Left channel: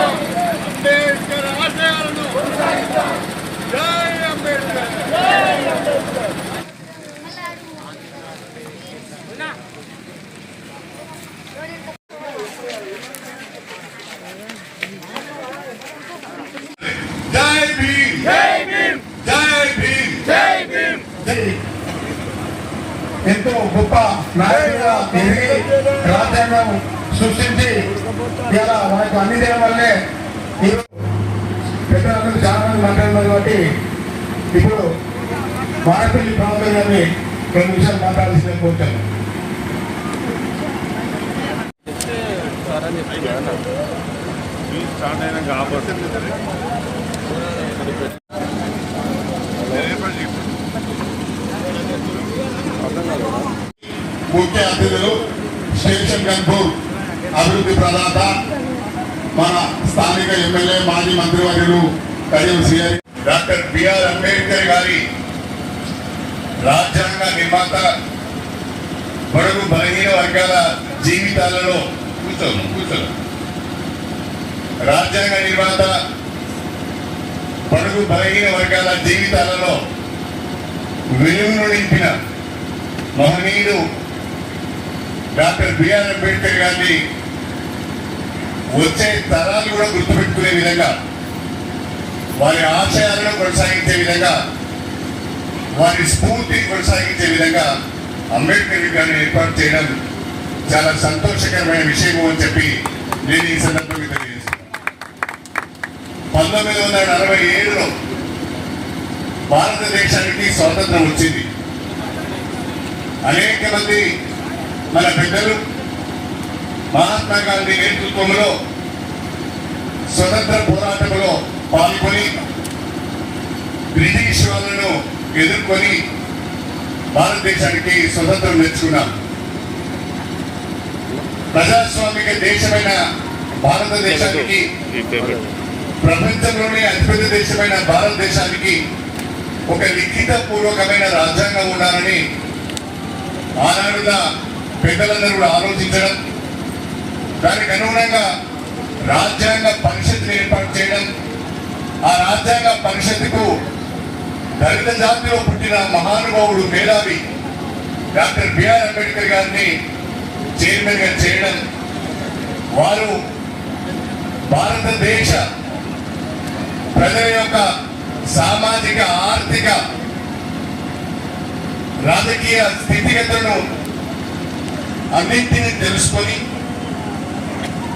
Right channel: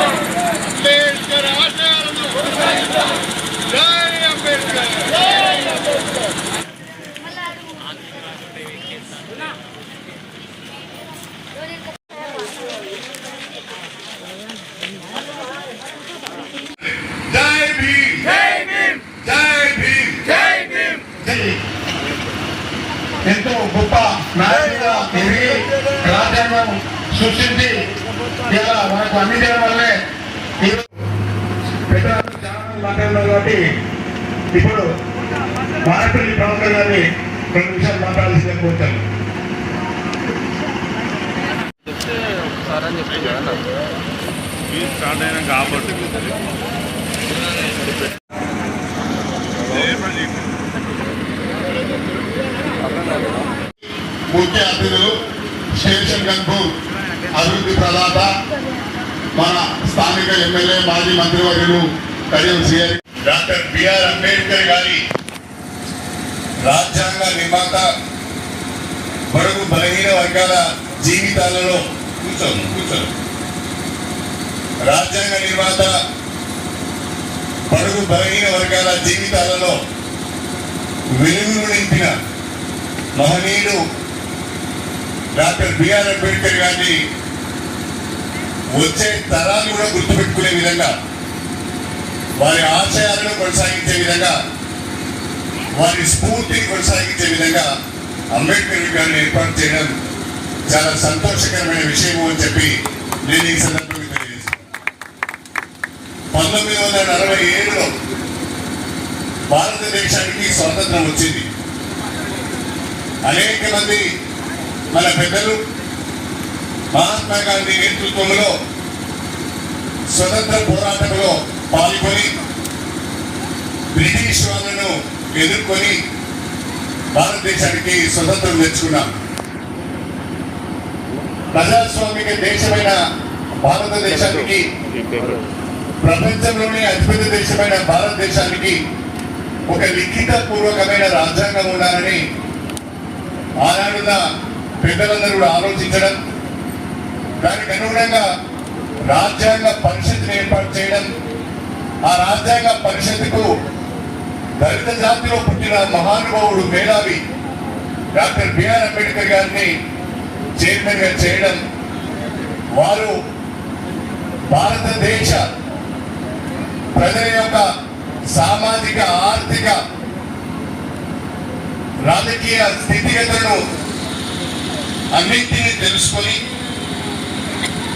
అంబేద్కర్ ఆశయాలను జై అంబేద్కర్ జై భీమ్. జై భీమ్. జై భీమ్ జై భీమ్ జై ఎంతో గొప్ప నాయకుడిగా రాజ్యాంగం సృష్టించి ఇలా మనకు అందించడం వల్లే ఈరోజు పెద్దలందరూ చాలా మంది మాట్లాడినారు కాబట్టి ఇప్పుడు మానపల్లి పవన్ గారిని రెండు నిమిషాలు మాట్లాడాల్సిందే కోరుతాను. ముఖ్య అతిథులు స్టేషన్ గన్పూర్ అభివృద్ధి ప్రదాత మన స్థానిక ఎమ్మెల్యే మాజీ మంత్రివర్యులు Kadiyam CR. Doctor BR Ambedkar గారి రాజ్యాంగ నిర్మాత బడుగు బలహీన వర్గాల జీవితాలలో కూర్చోను కూర్చోను రాజ్యాంగ నిర్మాత బడుగు బలహీన వర్గాల జీవితాలలో వెలుగును నింపిన మహనీయుడు డాక్టర్ బిఆర్ అంబేద్కర్ గారిని వచ్చే తరాలు కూడా గుర్తుపెట్టుకునే విధంగా వారి ఆశయాలను కొనసాగించే విధంగా వారి స్ఫూర్తిని కొనసాగించే విధంగా అంబేద్కర్ విగ్రహాన్ని ఏర్పాటు చేయడం చాలా సంతోషకరమైన విషయము అని చెప్పి నేను ఈ సందర్భంగా తెలియజేస్తున్నాను. పంతొమ్మిది వందల నలభై ఏడులో భారతదేశానికి స్వాతంత్రం వచ్చింది. అనేక మంది మన పెద్దలు మహాత్మా గాంధీ నేతృత్వంలో స్వతంత్ర పోరాటంలో పాల్గొని బ్రిటిష్ వాళ్ళను ఎదుర్కొని భారతదేశానికి స్వతంత్రం తెచ్చుకున్నాం ప్రజాస్వామిక దేశమైన భారతదేశానికి ప్రపంచంలోనే అతిపెద్ద దేశమైన భారతదేశానికి ఒక లిఖిత పూర్వకమైన రాజ్యాంగం ఉండాలని ఆనాడున్న పెద్దలందరూ కూడా ఆలోచించడం దానికి అనుగుణంగా రాజ్యాంగ పరిషత్ని ఏర్పాటు చేయడం ఆ రాజ్యాంగ పరిషత్తుకు దళిత జాతిలో పుట్టిన మహానుభావుడు మేధావి డాక్టర్ బిఆర్ అంబేద్కర్ గారిని చైర్మన్గా చేయడం వారు భారతదేశ ప్రజల యొక్క సామాజిక ఆర్థిక రాజకీయ స్థితిగతులను అన్నింటినీ తెలుసుకొని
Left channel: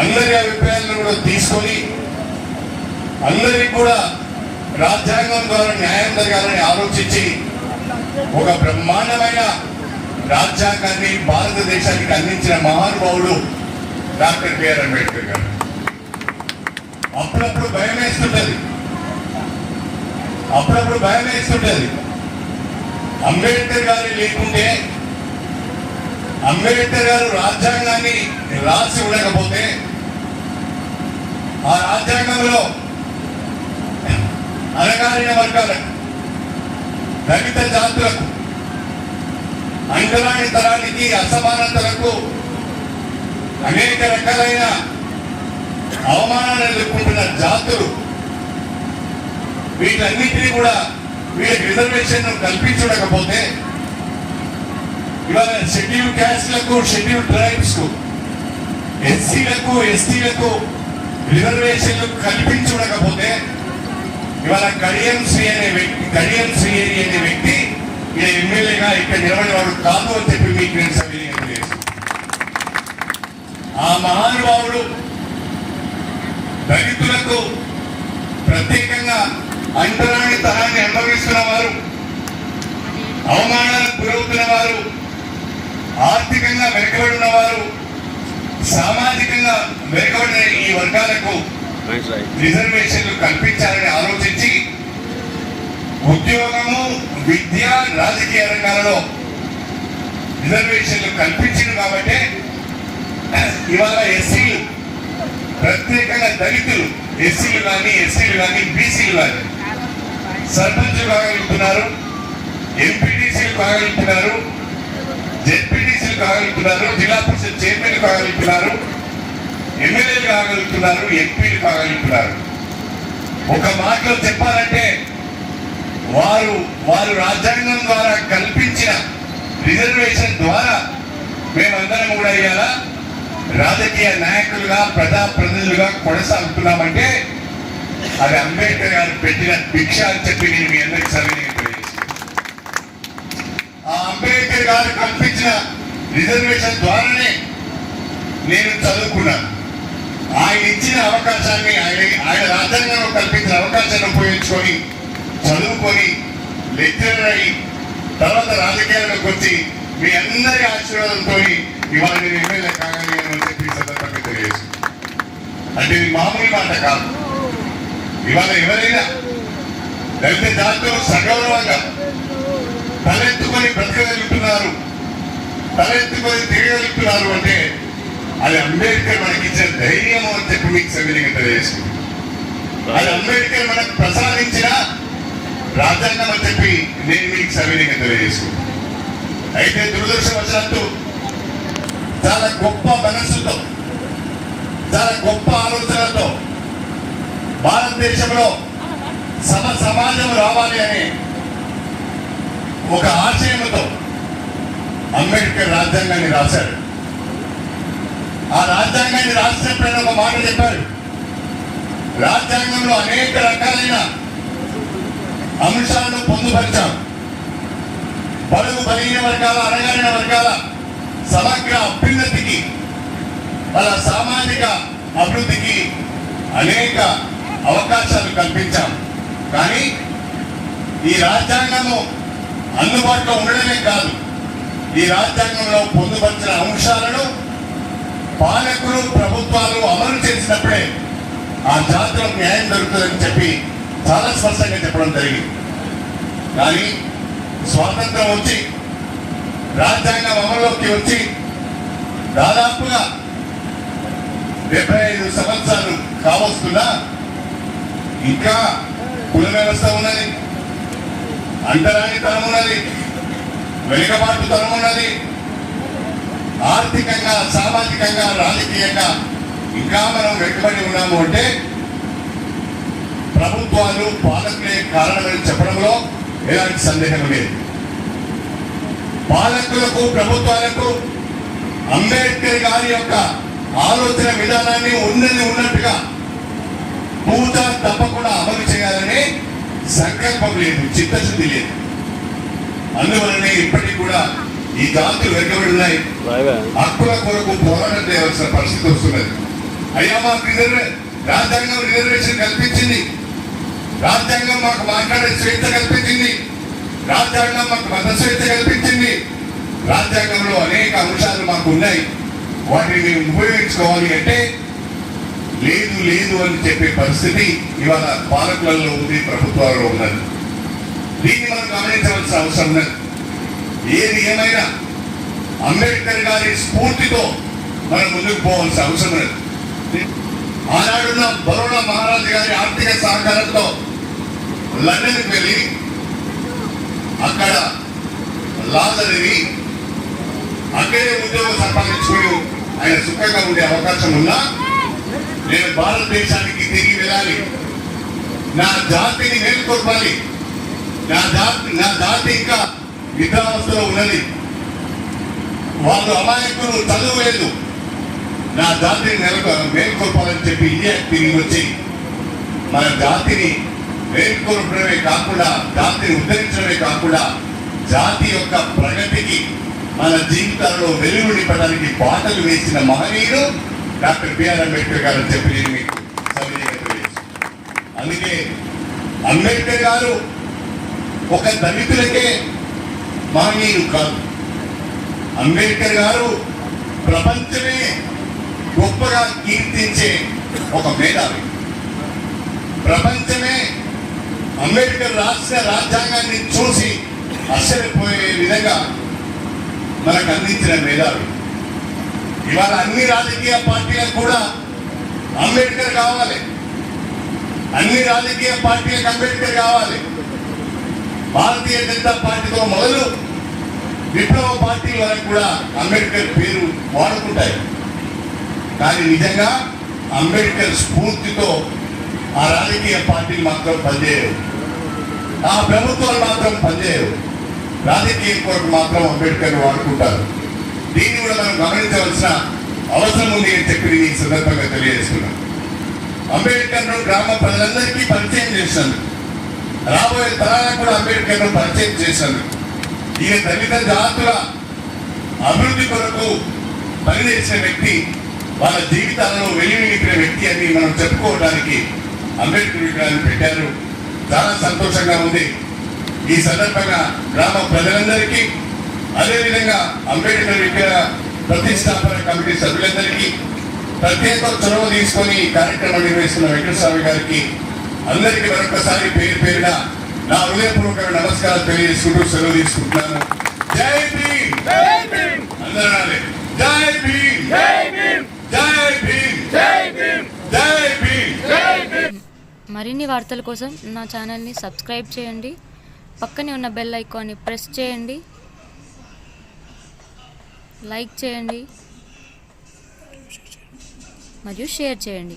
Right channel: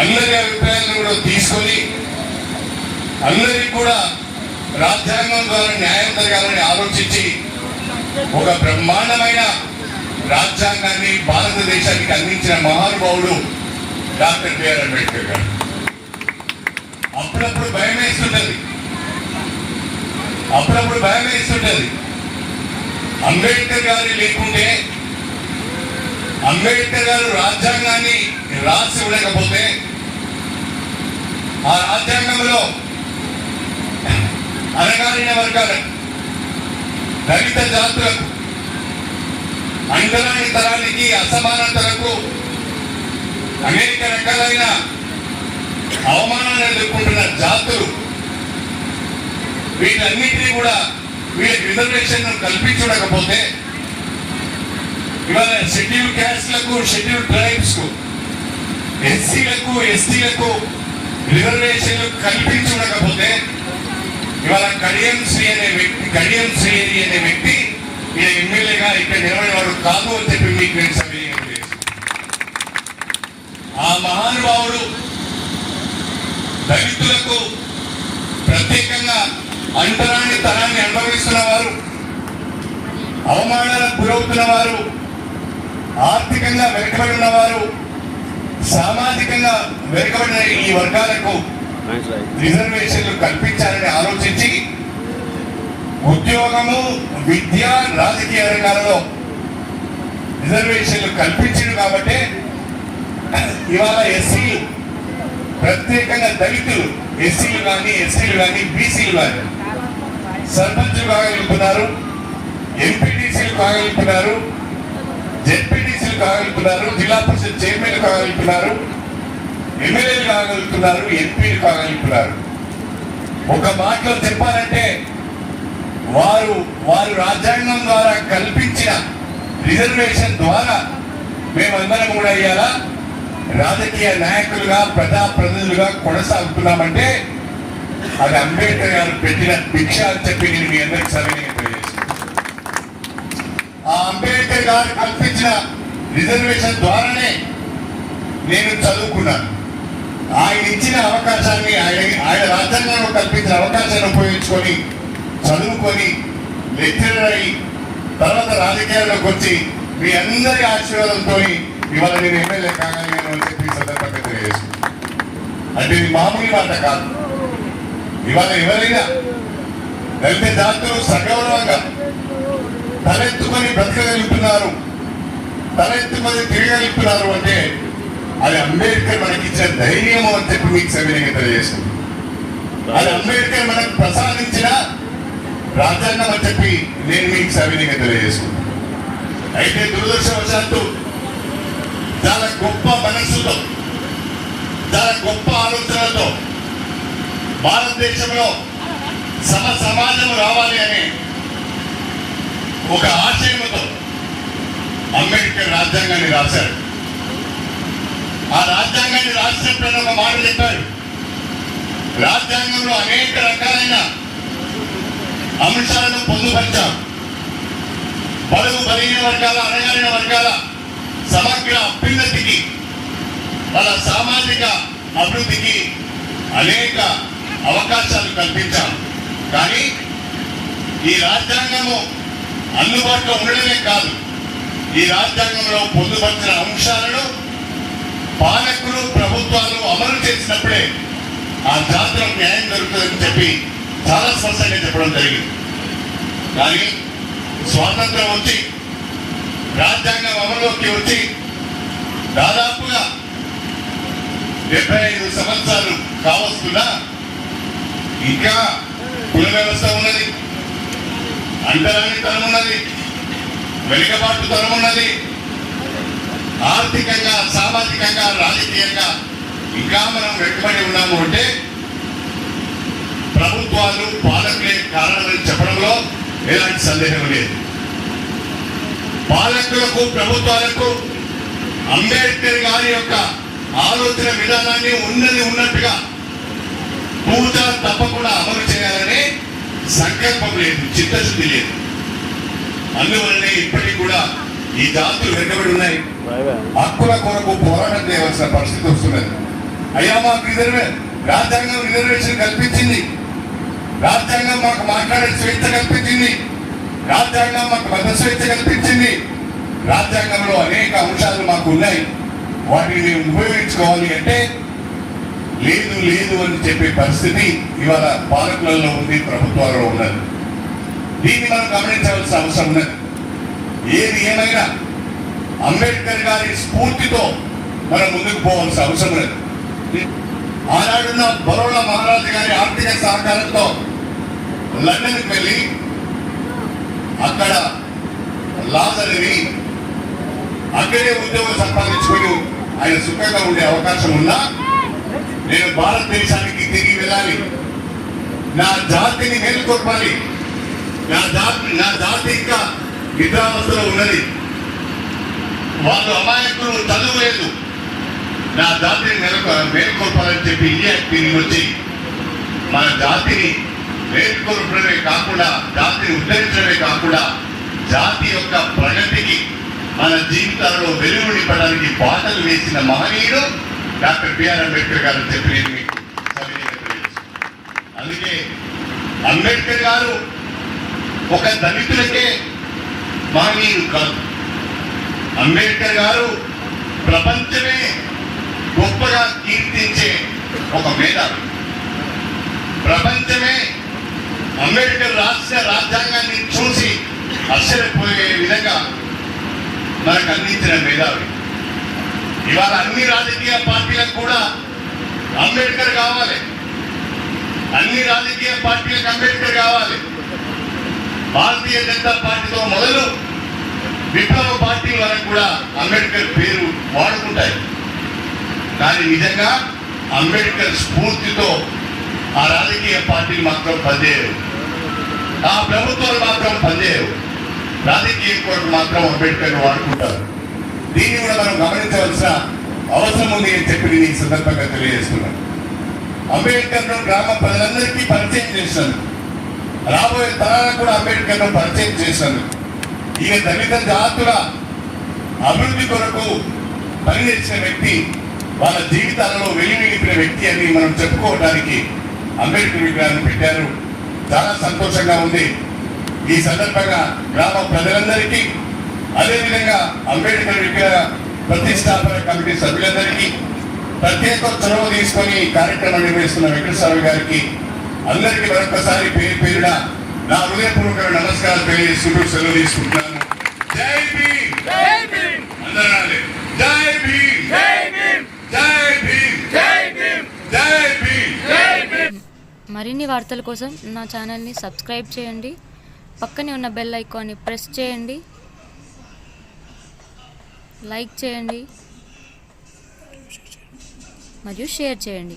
అందరి అభిప్రాయాలను కూడా తీసుకొని అందరికి కూడా రాజ్యాంగం ద్వారా న్యాయం జరగాలని ఆలోచించి ఒక బ్రహ్మాండమైన రాజ్యాంగాన్ని భారతదేశానికి అందించిన మహానుభావుడు డాక్టర్ బిఆర్ అంబేద్కర్ గారు. అప్పుడప్పుడు భయం వేస్తుంటది. అప్పుడప్పుడు భయం వేస్తుంటది. అంబేద్కర్ గారి లేకుంటే అంబేద్కర్ గారు రాజ్యాంగాన్ని రాసి ఉండకపోతే ఆ రాజ్యాంగంలో అణగారిన వర్గాలకు దళిత జాతులకు అంగరాని తరానికి అసమానతలకు అనేక రకాలైన అవమానాలు ఎదుర్కొంటున్న జాతులు వీటన్నిటినీ కూడా వీళ్ళకి రిజర్వేషన్ కల్పించకపోతే ఇవాళ షెడ్యూల్ క్యాస్ట్లకు షెడ్యూల్ ట్రైబ్స్కు ఎస్సీలకు ఎస్టీలకు రిజర్వేషన్లు కల్పించకపోతే ఇవాళ కడియం శ్రీ అనే వ్యక్తి కడియం శ్రీహరి అనే వ్యక్తి ఈయన ఎమ్మెల్యేగా ఇక్కడ నిలబడేవాడు కాదు అని చెప్పి మీకు నేను ఆ మహానుభావుడు దళితులకు ప్రత్యేకంగా అంతరాన్ని తరాన్ని అనుభవిస్తున్న వారు అవమానాలకు గురవుతున్న వారు ఆర్థికంగా వెనుకబడి ఉన్నవారు సామాజికంగా వెనుకబడిన ఈ వర్గాలకు. రిజర్వేషన్లు కల్పించాలని ఆలోచించి ఉద్యోగము విద్య రాజకీయ రంగాలలో రిజర్వేషన్లు కల్పించింది కాబట్టి ఇవాళ ఎస్సీలు ప్రత్యేకంగా దళితులు ఎస్సీలు కానీ ఎస్సీలు కానీ బీసీలు కానీ సర్పంచులు కాగలుగుతున్నారు ఎంపీటీసీలు కాగలుగుతున్నారు జెడ్పీటీసీలు కాగలుగుతున్నారు జిల్లా పరిషత్ చైర్మన్ కాగలుగుతున్నారు ఎమ్మెల్యేలు కాగలుగుతున్నారు ఎంపీలు కాగలుగుతున్నారు ఒక మాటలో చెప్పాలంటే వారు వారు రాజ్యాంగం ద్వారా కల్పించిన రిజర్వేషన్ ద్వారా మేమందరం కూడా ఇవాళ రాజకీయ నాయకులుగా ప్రజా ప్రజలుగా కొనసాగుతున్నామంటే అది అంబేద్కర్ గారు పెట్టిన భిక్ష అని చెప్పి నేను మీ అందరికి సవినయం ఆ అంబేద్కర్ గారు కల్పించిన రిజర్వేషన్ ద్వారానే నేను చదువుకున్నాను. ఆయన ఇచ్చిన అవకాశాన్ని ఆయన ఆయన రాజ్యాంగంలో కల్పించిన అవకాశాన్ని ఉపయోగించుకొని చదువుకొని లెక్చరర్ అయి తర్వాత రాజకీయాల్లోకి వచ్చి మీ అందరి ఆశీర్వాదంతో ఇవాళ నేను ఎమ్మెల్యే కాగలిగాను అని చెప్పి సందర్భంగా తెలియజేస్తున్నాను. అంటే ఇది మామూలు మాట కాదు. ఇవాళ ఎవరైనా దళిత జాతులు సగౌరవంగా తలెత్తుకొని బ్రతకగలుగుతున్నారు. తలెత్తుకొని తిరగలుగుతున్నారు అంటే అది అంబేద్కర్ మనకి ఇచ్చిన అని చెప్పి మీకు సవినయంగా తెలియజేస్తుంది. అది అంబేద్కర్ మనకు ప్రసాదించిన రాజ్యాంగం అని చెప్పి నేను మీకు సవినయంగా తెలియజేసుకుంటాను అయితే దురదృష్టవశాత్తు చాలా గొప్ప మనస్సుతో చాలా గొప్ప ఆలోచనలతో భారతదేశంలో సమ సమాజం రావాలి అనే ఒక ఆశయంతో అంబేద్కర్ రాజ్యాంగాన్ని రాశారు. ఆ రాజ్యాంగాన్ని రాసినప్పుడు ఆయన ఒక మాట చెప్పారు. రాజ్యాంగంలో అనేక రకాలైన అంశాలను పొందుపరిచాం. బడుగు బలహీన వర్గాల అణగారిన వర్గాల సమగ్ర అభ్యున్నతికి వాళ్ళ సామాజిక అభివృద్ధికి అనేక అవకాశాలు కల్పించాం. కానీ ఈ రాజ్యాంగము అందుబాటులో ఉండడమే కాదు. ఈ రాజ్యాంగంలో పొందుపరిచిన అంశాలను పాలకులు ప్రభుత్వాలు అమలు చేసినప్పుడే ఆ జాతులకు న్యాయం జరుగుతుందని చెప్పి చాలా స్పష్టంగా చెప్పడం జరిగింది. కానీ స్వాతంత్రం వచ్చి రాజ్యాంగం అమల్లోకి వచ్చి దాదాపుగా డెబ్బై ఐదు సంవత్సరాలు కావస్తున్నా ఇంకా కుల వ్యవస్థ ఉన్నది అంటరాని తరం ఉన్నది వెనుకబాటు తరం ఉన్నది. ఆర్థికంగా సామాజికంగా రాజకీయంగా ఇంకా మనం వెనుకబడి ఉన్నాము అంటే ప్రభుత్వాలు పాలకులే కారణమని చెప్పడంలో ఎలాంటి సందేహం లేదు. పాలకులకు ప్రభుత్వాలకు అంబేద్కర్ గారి యొక్క ఆలోచన విధానాన్ని ఉన్నది ఉన్నట్టుగా పూజ తప్పకుండా అమలు చేయాలనే సంకల్పం లేదు చిత్తశుద్ధి లేదు. అందువలనే ఇప్పటికి కూడా ఈ జాతులు వెనుకబడి ఉన్నాయి. హక్కుల కొరకు పోరాటం చేయాల్సిన పరిస్థితి వస్తున్నది. అయ్యా మాకు రిజర్వే రాజ్యాంగం రిజర్వేషన్ కల్పించింది. రాజ్యాంగం మాకు మాట్లాడే స్వేచ్ఛ కల్పించింది. రాజ్యాంగం మాకు మత స్వేచ్ఛ కల్పించింది. రాజ్యాంగంలో అనేక అంశాలు మాకు ఉన్నాయి. వాటిని ఉపయోగించుకోవాలి అంటే లేదు లేదు అని చెప్పే పరిస్థితి ఇవాళ పాలకులలో ఉంది ప్రభుత్వాలలో ఉన్నది. దీన్ని మనం గమనించవలసిన అవసరం ఉన్నది. ఏది ఏమైనా అంబేద్కర్ గారి స్ఫూర్తితో మనం ముందుకు పోవాల్సిన అవసరం లేదు ఆనాడున్న బరోడా మహారాజు గారి ఆర్థిక సహకారంతో లండన్కి వెళ్ళి అక్కడ లా చదివి అక్కడే ఉద్యోగం సంపాదించుకుని ఆయన సుఖంగా ఉండే అవకాశం ఉన్నా నేను భారతదేశానికి తిరిగి వెళ్ళాలి. నా జాతిని మేల్కొల్పాలి. నా జాతి నా జాతి ఇంకా నిద్రావస్థలో ఉన్నది. వాళ్ళు అమాయకులు చదువు లేదు నా జాతిని నెలకు మేల్కొల్పాలని చెప్పి ఇండియా తిరిగి వచ్చి మన జాతిని మేల్కొల్పడమే కాకుండా జాతిని ఉద్ధరించడమే కాకుండా జాతి యొక్క ప్రగతికి మన జీవితాల్లో వెలుగు నింపడానికి బాటలు వేసిన మహనీయుడు డాక్టర్ బిఆర్ అంబేద్కర్ గారు చెప్పి నేను మీకు అందుకే అంబేద్కర్ గారు ఒక దళితులకే మహనీయుడు కాదు. అంబేద్కర్ గారు ప్రపంచమే గొప్పగా కీర్తించే ఒక మేధావి. ప్రపంచమే అంబేద్కర్ రాష్ట్ర రాజ్యాంగాన్ని చూసి ఆశ్చర్యపోయే విధంగా మనకు అందించిన మేధావి. ఇవాళ అన్ని రాజకీయ పార్టీలకు కూడా అంబేద్కర్ కావాలి. అన్ని రాజకీయ పార్టీలకు అంబేద్కర్ కావాలి. భారతీయ జనతా పార్టీతో మొదలు విప్లవ పార్టీ వరకు కూడా అంబేద్కర్ పేరు వాడుకుంటాయి. కానీ నిజంగా అంబేద్కర్ స్ఫూర్తితో ఆ రాజకీయ పార్టీలు మాత్రం పనిచేయవు. ఆ ప్రభుత్వాలు మాత్రం పనిచేయవు. రాజకీయం కొరకు మాత్రం అంబేద్కర్ వాడుకుంటారు. దీన్ని కూడా మనం గమనించవలసిన అవసరం ఉంది అని చెప్పి నేను ఈ సందర్భంగా తెలియజేస్తున్నాను. అంబేద్కర్ను గ్రామ ప్రజలందరికీ పరిచయం చేశాను రాబోయే తరాలకు కూడా అంబేద్కర్ను పరిచయం చేశాను ఈయన దళిత జాతుల అభివృద్ధి కొరకు పనిచేసిన వ్యక్తి వాళ్ళ జీవితాలలో వెలివినిపిన వ్యక్తి అని మనం చెప్పుకోవడానికి అంబేద్కర్ విగ్రహాన్ని పెట్టారు. చాలా సంతోషంగా ఉంది. ఈ సందర్భంగా గ్రామ ప్రజలందరికీ అదేవిధంగా అంబేద్కర్ విగ్రహ ప్రతిష్టాపన కమిటీ సభ్యులందరికీ ప్రత్యేక చొరవ తీసుకొని కార్యక్రమం నిర్వహిస్తున్న వెంకటస్వామి గారికి అందరికీ మరొకసారి పేరు పేరున నా హృదయపూర్వక నమస్కారం తెలియజేసుకుంటూ సెలవు తీసుకుంటున్నాను. జై భీమ్! అందరూ. జై భీమ్! జై భీమ్! జై భీమ్! మరిన్ని వార్తల కోసం నా ఛానల్ని సబ్స్క్రైబ్ చేయండి. పక్కనే ఉన్న బెల్ ఐకాన్ని ప్రెస్ చేయండి. లైక్ చేయండి. మరియు షేర్ చేయండి.